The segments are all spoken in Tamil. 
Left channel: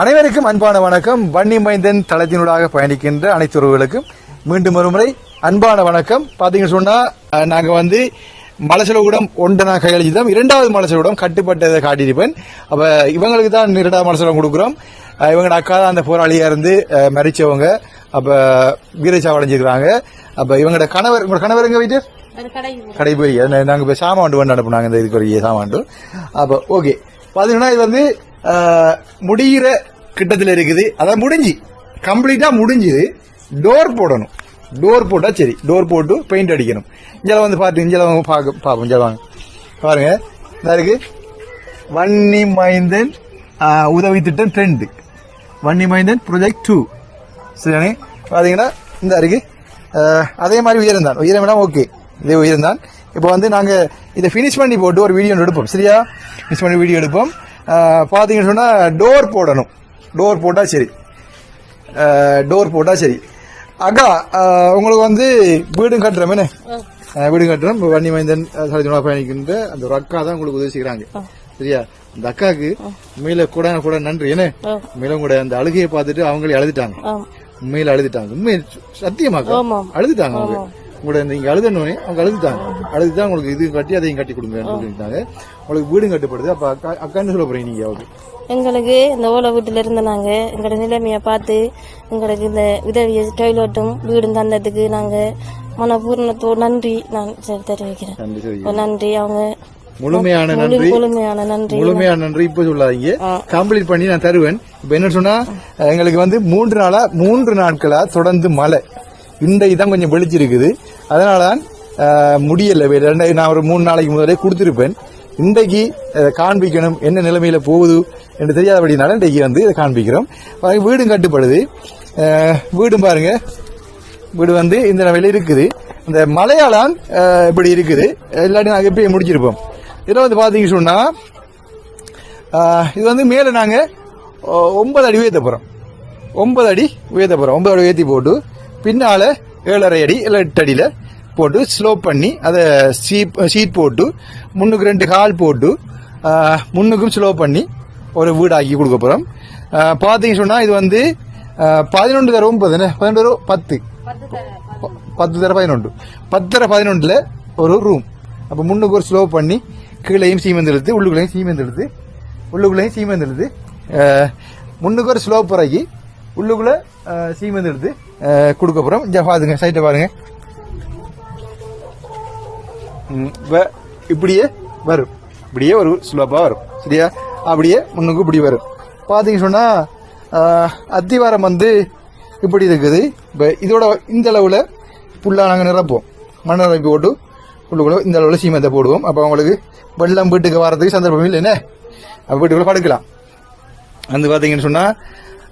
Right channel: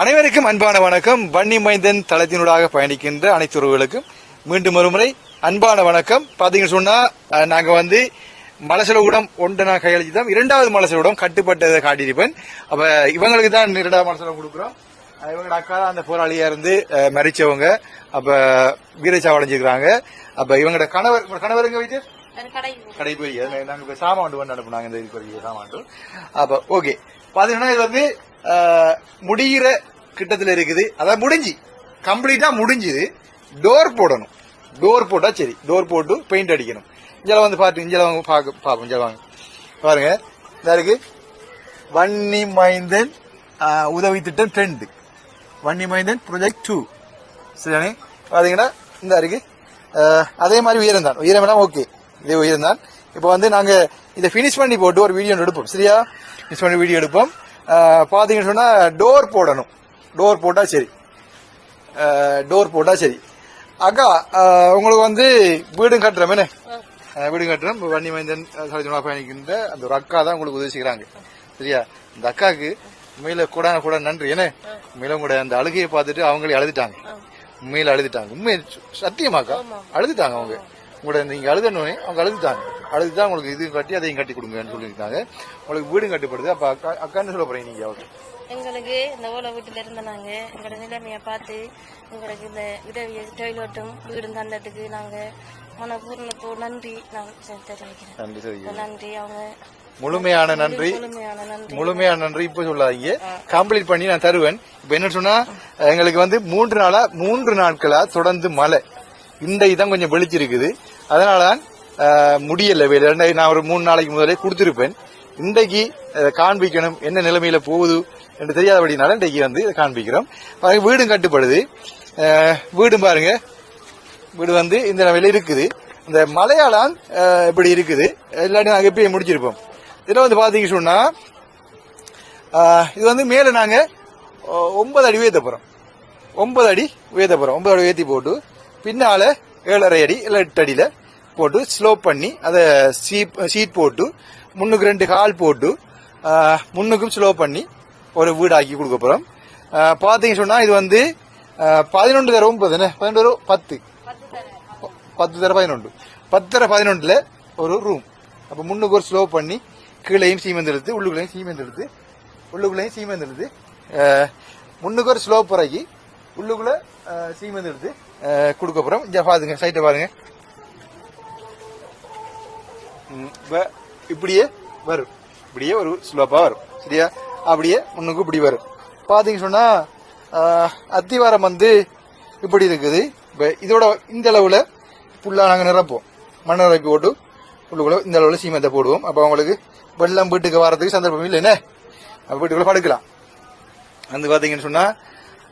அனைவருக்கும் அன்பான வணக்கம். வன்னி மைந்தன் தளத்தினூடாக பயணிக்கின்ற அனைத்து உறவுகளுக்கும் மீண்டும் ஒருமுறை அன்பான வணக்கம். பாத்தீங்கன்னு சொன்னா நாங்கள் நாங்க வந்து மலசலகுடம் ஒன்றை நான் கையளிச்சுதான் இரண்டாவது மலசலகுடம் கட்டுப்பட்டதை காட்டியிருப்பேன். அப்ப இவங்களுக்கு தான் இரண்டாவது மலசலம் கொடுக்குறோம். இவங்க அக்கா தான் அந்த போராளியா இருந்து மறிச்சவங்க. மரிச்சவங்க அப்ப வீரசா அடைஞ்சிருக்காங்க. அப்ப இவங்களோட கணவர் உங்களோட கணவர் எங்க வீட்டு? கடைபுரி. போய் அது நாங்க இப்ப வந்து அனுப்புனாங்க. இந்த இதுக்குரிய ஒரு அப்ப ஓகே பாத்தீங்கன்னா இது வந்து முடிகிற கிட்டத்தில் இருக்குது. அதான் முடிஞ்சு. கம்ப்ளீட்டாக முடிஞ்சுது. டோர் போடணும். டோர் போட்டால் சரி. டோர் போட்டு பெயிண்ட் அடிக்கணும். இங்கே வந்து பார்த்து இங்கே வாங்க பார்க்க பார்ப்போம் இங்கே வாங்க பாருங்கள் இதா இருக்குது வன்னி மைந்தன் உதவி திட்டம் ரெண்டு. வன்னி மைந்தன் ப்ரொஜெக்ட் டூ சரிதானே? பார்த்தீங்கன்னா இந்த இருக்குது அதே மாதிரி உயரம் தான். உயரம் ஓகே இதே உயரம் தான். இப்போ வந்து நாங்கள் இதை ஃபினிஷ் பண்ணி போட்டு ஒரு வீடியோ எடுப்போம். சரியா? ஃபினிஷ் பண்ணி வீடியோ எடுப்போம். அஹ், பாத்தீங்கன்னு சொன்னா டோர் போடணும். டோர் போட்டா சரி. டோர் போட்டா சரி. அக்கா உங்களுக்கு வந்து வீடும் கட்டுறோம் என்ன அஹ், வீடு கட்டுறோம் வன்னி மைந்தன் சலஜமா பயணிக்கின்ற அந்த ஒரு அக்கா தான் உங்களுக்கு உதவி செய்கிறாங்க சரியா? இந்த அக்காக்கு உண்மையில கூட கூட நன்றி. என்ன உண்மையில கூட அந்த அழுகையை பார்த்துட்டு அவங்களே அழுதுட்டாங்க. உண்மையில அழுதுட்டாங்க. உண்மை சத்தியமாக்கா அழுதுட்டாங்க அவங்க. உங்களோட நீங்க அழுதனோடனே அவங்க அழுதுட்டாங்க. அழுதுதான் உங்களுக்கு இது கட்டி அதையும் கட்டி கொடுங்க சொல்லியிருக்காங்க. உங்களுக்கு வீடும் கட்டுப்படுது. அப்ப அக்கா அக்கான்னு சொல்ல போறீங்க நீங்க அவருக்கு எங்களுக்கு இந்த ஓலை வீட்டில் இருந்த நாங்கள் எங்களோட நிலைமையை பார்த்து எங்களுக்கு இந்த உதவியை டாய்லெட்டும் வீடும் தந்ததுக்கு நாங்கள் மனப்பூர்ணத்தோடு நன்றி நான் தெரிவிக்கிறேன். நன்றி அவங்க. முழுமையான நன்றி. முழுமையான நன்றி. முழுமையான நன்றி. இப்ப சொல்லாதீங்க. கம்ப்ளீட் பண்ணி நான் தருவேன். இப்ப என்ன சொன்னா எங்களுக்கு வந்து மூன்று நாளா மூன்று நாட்களா தொடர்ந்து மழை. இந்த இதான் கொஞ்சம் வெளிச்சிருக்குது. அதனால தான் முடியலை. ரெண்டாயிரம் நான் ஒரு மூணு நாளைக்கு முதலே கொடுத்துருப்பேன். இன்றைக்கு காண்பிக்கணும். என்ன நிலைமையில போகுது என்று தெரியாதபடினால இன்றைக்கு வந்து இதை காண்பிக்கிறோம். வீடும் கட்டுப்படுது. வீடும் பாருங்க. வீடு வந்து இந்த நிலையில் இருக்குது. இந்த மலையாளம் இப்படி இருக்குது. இல்லாட்டி நாங்கள் எப்பயும் முடிச்சிருப்போம். இதில் வந்து பார்த்தீங்க சொன்னா இது வந்து மேலே நாங்கள் ஒன்பது அடி உயர்த்த போகிறோம் ஒன்பது அடி உயர்த்த போகிறோம் ஒன்பது அடி உயர்த்தி போட்டு பின்னால் ஏழரை அடி இல்லை எட்டு அடியில் போட்டு ஸ்லோ பண்ணி அதை சீப் ஷீட் போட்டு முன்னுக்கு ரெண்டு கால் போட்டு முன்னுக்கும் ஸ்லோ பண்ணி ஒரு வீடாக்கி கொடுக்க போகிறோம் பார்த்தீங்க சொன்னால் இது வந்து பதினொன்று தர ஒன்பது பதினொன்று தர பத்து. பத்து தர பதினொன்று. பத்து தடவை பதினொன்றில் ஒரு ரூம் அப்போ முன்னுக்கு ஒரு ஸ்லோ பண்ணி கீழேயும் சீமெந்து எடுத்து உள்ளுக்குள்ளேயும் சீமெந்து எடுத்து உள்ளுக்குள்ளேயும் சீமெந்து எடுத்து முன்னுக்கு ஒரு ஸ்லோ பிறகு உள்ளுக்குள்ள சீமெந்த் எடுத்து கொடுக்க போறோம். இங்க பாருங்க சைட்டை பாருங்க. வ- இப்படியே வரும். இப்படியே ஒரு ஸ்லோப்பாக வரும். சரியா? அப்படியே முன்னுக்கு இப்படி வரும். பாத்தீங்க சொன்னா அத்திவாரம் வந்து இப்படி இருக்குது. இப்போ இதோட இந்த அளவுல புல்லா நாங்கள் நிரப்போம் மண் நிரப்பி போட்டு உள்ளுக்குள்ள இந்த அளவுல சீமெந்தை போடுவோம். அப்ப அவங்களுக்கு வெள்ளம் வீட்டுக்கு வரதுக்கு சந்தர்ப்பம் இல்லை என்ன அப்ப வீட்டுக்குள்ள படுக்கலாம். வந்து பாத்தீங்கன்னு சொன்னா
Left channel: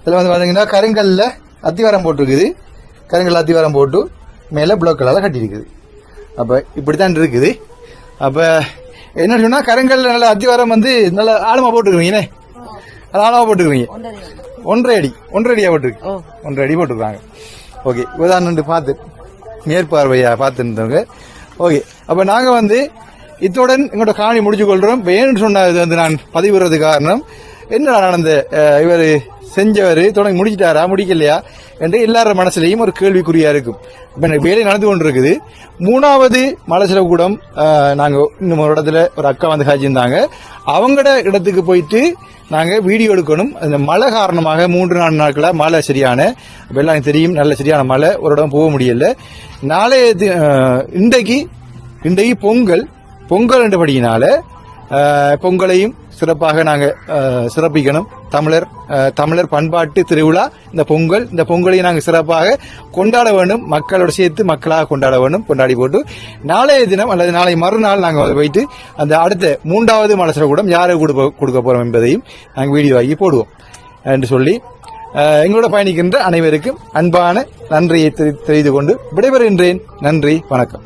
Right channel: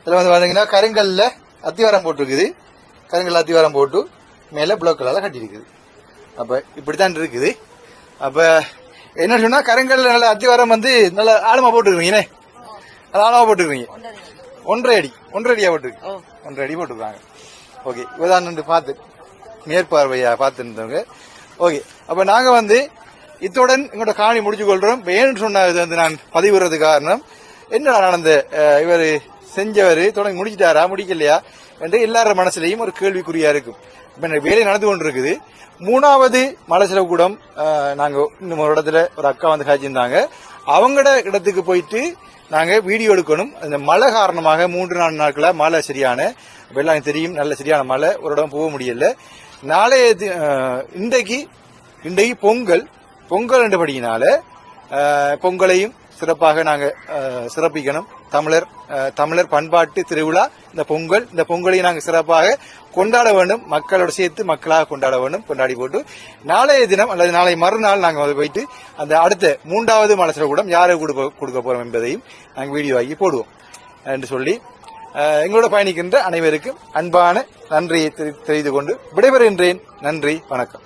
இதுல வந்து பாத்தீங்கன்னா கருங்கல்ல அத்திவாரம் போட்டிருக்குது. கருங்கல்ல அத்திவாரம் போட்டு மேல பிளாக் கலர்ல கட்டியிருக்குது. அப்ப இப்படித்தான் இருக்குது. அப்ப என்ன சொன்னா கருங்கல்ல நல்ல அத்திவாரம் வந்து நல்ல ஆழமா போட்டுருக்கீங்கண்ணே அது ஆழமா போட்டுருக்கீங்க. ஒன்றரை அடி ஒன்றரை அடியா போட்டுருக்கு. ஒன்றரை அடி போட்டுருக்காங்க. ஓகே உதாரணம் பார்த்து மேற்பார்வையா பார்த்துருந்தவங்க ஓகே அப்ப நாங்க வந்து இத்துடன் எங்களோட காணி முடிச்சு கொள்றோம் இப்ப ஏன்னு சொன்னா இது வந்து நான் பதிவுறது காரணம் என்னடா நடந்த இவரு செஞ்சவர் தொடங்கி முடிச்சிட்டாரா முடிக்கலையா என்று எல்லார மனசுலையும் ஒரு கேள்விக்குறியா இருக்கும். இப்போ வேலை நடந்து கொண்டிருக்குது. மூணாவது மலசில கூடம் நாங்கள் இன்னும் ஒரு இடத்துல ஒரு அக்கா வந்து காய்ச்சிருந்தாங்க அவங்களோட இடத்துக்கு போயிட்டு நாங்கள் வீடியோ எடுக்கணும். அந்த மழை காரணமாக மூன்று நாலு நாட்களாக மழை சரியான அப்ப எல்லாம் தெரியும் நல்ல சரியான மழை ஒரு இடம் போக முடியல. நாளைய தி- இன்றைக்கு இன்றைக்கு பொங்கல் பொங்கல் என்றபடியினால பொங்கலையும் சிறப்பாக நாங்கள் சிறப்பிக்கணும். தமிழர் தமிழர் பண்பாட்டு திருவிழா இந்த பொங்கல் இந்த பொங்கலையும் நாங்கள் சிறப்பாக கொண்டாட வேண்டும். மக்களோட சேர்த்து மக்களாக கொண்டாட வேண்டும். கொண்டாடி போட்டு நாளைய தினம் அல்லது நாளை மறுநாள் நாங்கள் அதை போயிட்டு அந்த அடுத்த மூன்றாவது மலசர கூடம் யாரை கொடுக்க கொடுக்க போறோம் என்பதையும் நாங்கள் வீடியோ ஆகி போடுவோம். என்று சொல்லி எங்களோட பயணிக்கின்ற அனைவருக்கும் அன்பான நன்றியை தெரி- தெரிந்து கொண்டு விடைபெறுகின்றேன். நன்றி வணக்கம்.